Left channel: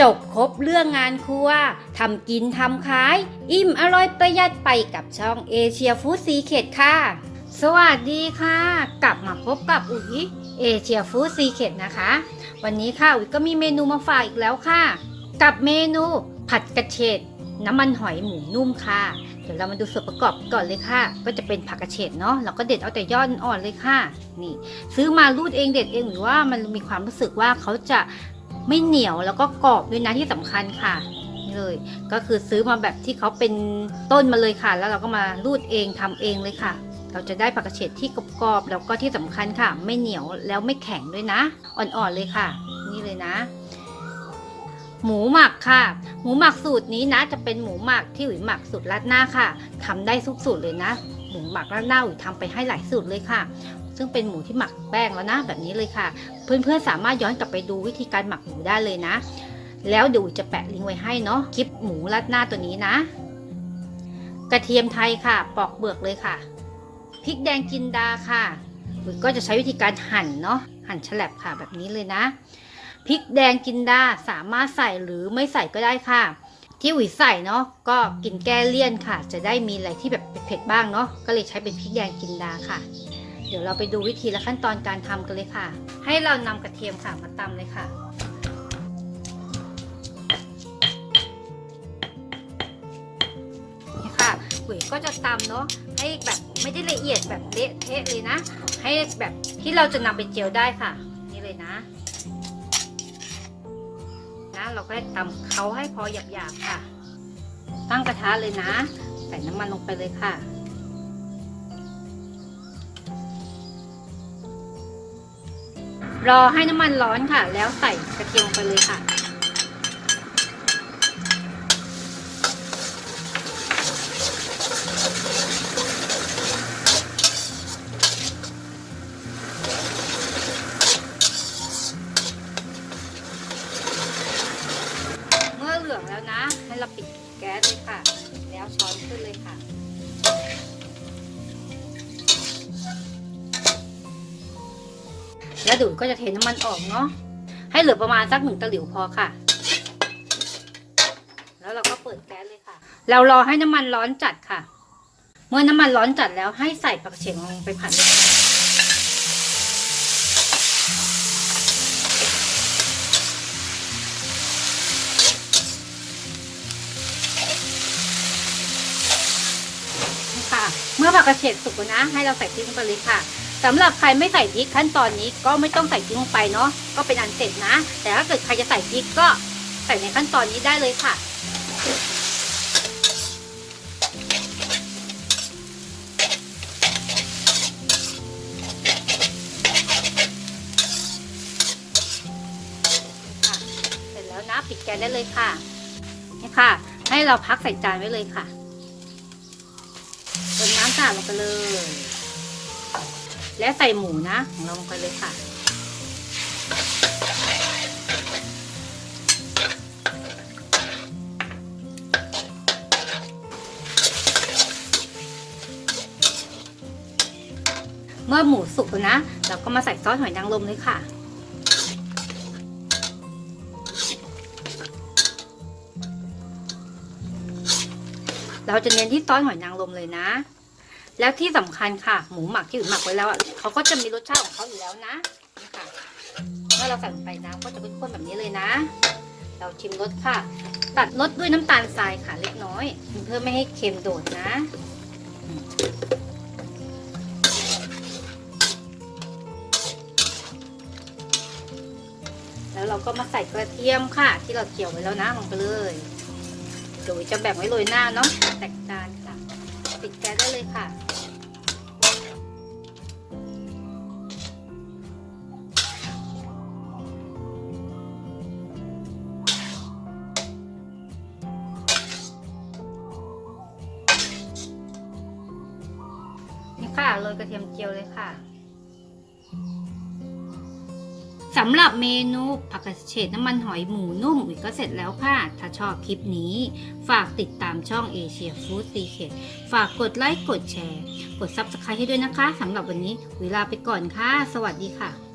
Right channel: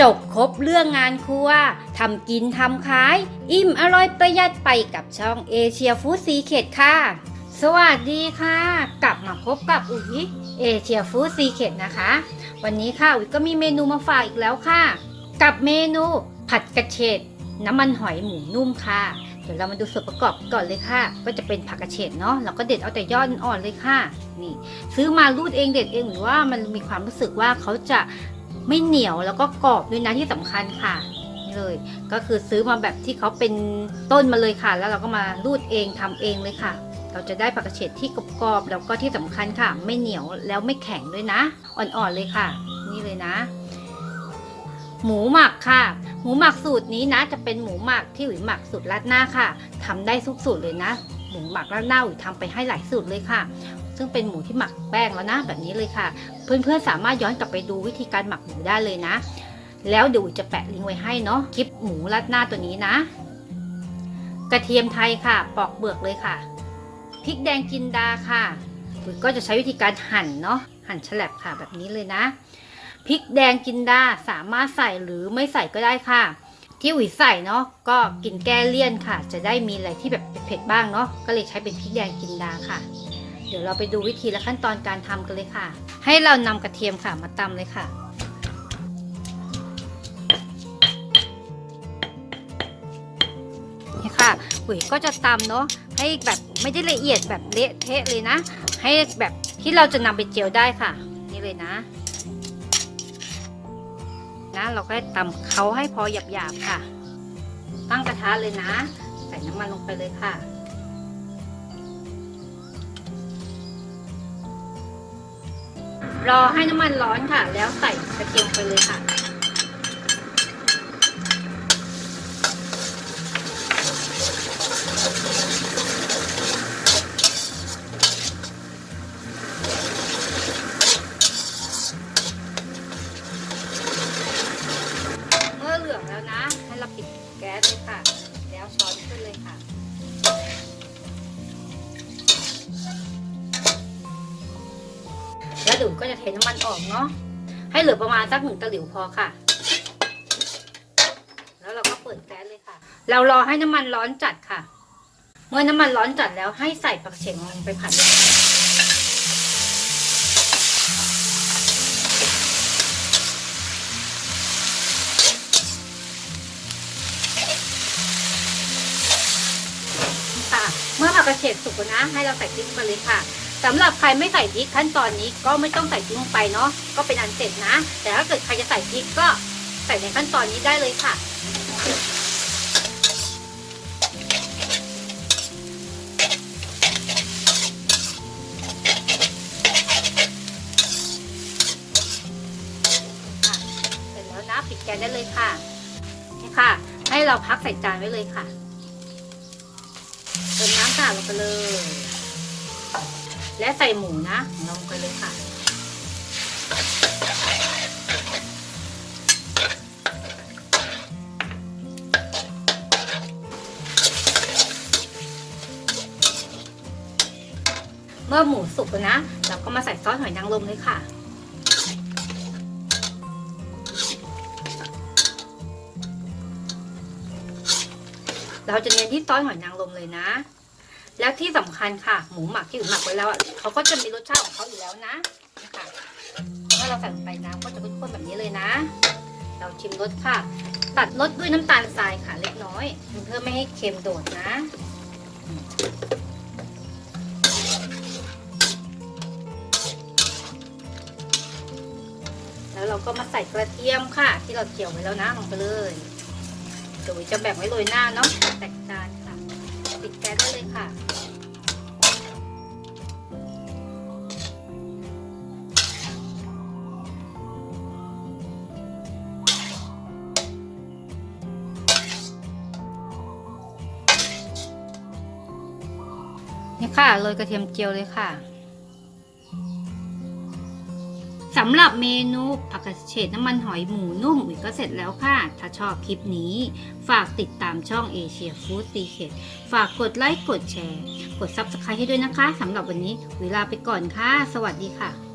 จบครบเรื่องงานครัวทำกินทำขาย อิ่มอร่อยประหยัดไปกับช่องเอเชียฟู้ดซีเ e ดค่ะ สวัสดีค่ะ กลับมาพบกับอุ๋ยเอเชียฟู้ดซีเ e ดนะคะ วันนี้ค่ะอุ๋ยก็มีเมนูมาฝากอีกแล้วค่ะ กับเมนูผัดกระเฉดน้ำมันหอยหมูนุ่มค่ะ เดี๋ยวเรามาดูส่วนประกอบก่อนเลยค่ะ ก็จะเป็นผักกระเฉดเนาะเราก็เด็ดเอาแต่ยอดอ่อนเลยค่ะ นี่ ซื้อมารูดเองเด็ดเองหรือว่ามันมีความรู้สึกว่าเขาจะ ไม่เหนียวแล้วก็กรอบด้วยนะที่สำคัญค่ะนี่เลย ก็คือซื้อมาแบบที่เขาเป็นต้นมาเลยค่ะ แล้วเราก็มารูดเองทำเองเลยค่ะ เราจะได้ผักกระเฉดที่กรอบๆแล้วก็ที่สำคัญค่ะ ไม่เหนียวแล้วไม่แข็งด้วยนะ อ่อนๆเลยค่ะ นี่เลยนะ หมูหมักค่ะ หมูหมักสูตรนี้นะ จะเป็นหมูหมักที่อุ๋ยหมักสูตรราดหน้าค่ะทำได้ทุกสูตรเลยนะหมูหมักราดหน้าอุ๋ยทำไปให้หลายสูตรเลยค่ะ ซึ่งเป็นหมูที่หมักแป้งแล้วนะแบบนี้เลยค่ะ เพื่อนๆสามารถย้อนกลับไปดูวิธีการหมักหมูได้เลยนะ แล้วเดี๋ยวอุ๋ยจะแปะลิงก์ไว้ให้เนาะคลิปหมูราดหน้าตัวนี้นะ กระเทียมไทยค่ะ ปอกเปลือกเลยค่ะพริกแดงจินดาค่ะอุ๋ยก็จะใช้วิธีการหั่นเนาะหั่นฉลับค่ะแบบนี้เลยนะพริกแดงจินดาสามารถใส่หรือไม่ใส่ก็ได้ค่ะ ที่อุ๋ยใส่เนาะก็กินแก้เลี่ยนค่ะ จะได้มีอะไรที่แบบเผ็ดๆบ้างเนาะก็เลยใช้เป็นพริกแดงจินดาค่ะ เดี๋ยวเราไปดูวิธีและขั้นตอนการทำกันเลยค่ะ ให้เรานำกระเทียมค่ะมาตำเลยค่ะ นี่ค่ะปุ๋ยก็จะตำเนาะให้แบบไม่ได้ละเอียดแบบเละเทะเลยนะ ให้แบบที่เราจะนำไปเจียวได้ค่ะ นี่เลยนะนะเราก็ตำเขาให้พอหยาบๆค่ะ ตั้งกระทะเลยนะ ใส่น้ำมันลงไปเลยค่ะ รอให้น้ำมันร้อนค่ะ แล้วใส่กระเทียมไปเลยค่ะ แล้วดูดก็จะเทน้ำมันออกเนาะ ให้เหลือประมาณสักหนึ่งตะหลิวพอค่ะ แล้วเราก็เปิดแก๊สเลยค่ะ เรารอให้น้ำมันร้อนจัดค่ะ เมื่อน้ำมันร้อนจัดแล้วให้ใส่ผักเฉียงลงไปผัดเมื่อผักกระเฉดสุกนะ ให้เราใส่พริกลงไปเลยค่ะ สำหรับใครไม่ใส่พริกขั้นตอนนี้ก็ไม่ต้องใส่พริกลงไปเนาะก็เป็นอันเสร็จนะ แต่ถ้าเกิดใครจะใส่พริกก็ใส่ในขั้นตอนนี้ได้เลยค่ะเสร็จแล้วนะปิดแก๊สได้เลยค่ะค่ะ ให้เราพักใส่จานไว้เลยค่ะเติมน้ำค่ะลงไปเลย และใส่หมูนะลงไปเลยค่ะ เมื่อหมูสุกแล้วนะ เราก็มาใส่ซอสหอยนางรมเลยค่ะเราจะเน้นที่ซอสหอยนางรมเลยนะ แล้วที่สำคัญค่ะ หมูหมักที่อื่นหมักไว้แล้วเขาก็จะมีรสชาติของเขาอยู่แล้วนะถ้าเราใส่ลงไปน้ำก็จะเป็นข้นแบบนี้เลยนะ เราชิมรสค่ะ ตัดรสด้วยน้ำตาลทรายค่ะเล็กน้อย เพื่อไม่ให้เค็มโดดนะแล้วเราก็มาใส่กระเทียมค่ะ ที่เราเกี่ยวไว้แล้วนะลงไปเลยเดี๋ยวจะแบ่งไว้โรยหน้าเนาะแตกจานค่ะ ปิดแก๊สได้เลยค่ะ นี่ค่ะโรยกระเทียมเจียวเลยค่ะ สำหรับเมนูผักกระเฉดน้ำมันหอยหมูนุ่มอุ๋ยก็เสร็จแล้วค่ะ ถ้าชอบคลิปนี้ ฝากติดตามช่องเอเชียฟู้ดซีเคฝากกดไลค์กดแชร์ กด Subscribe ให้ด้วยนะคะสำหรับวันนี้เวลาไปก่อนค่ะ สวัสดีค่ะ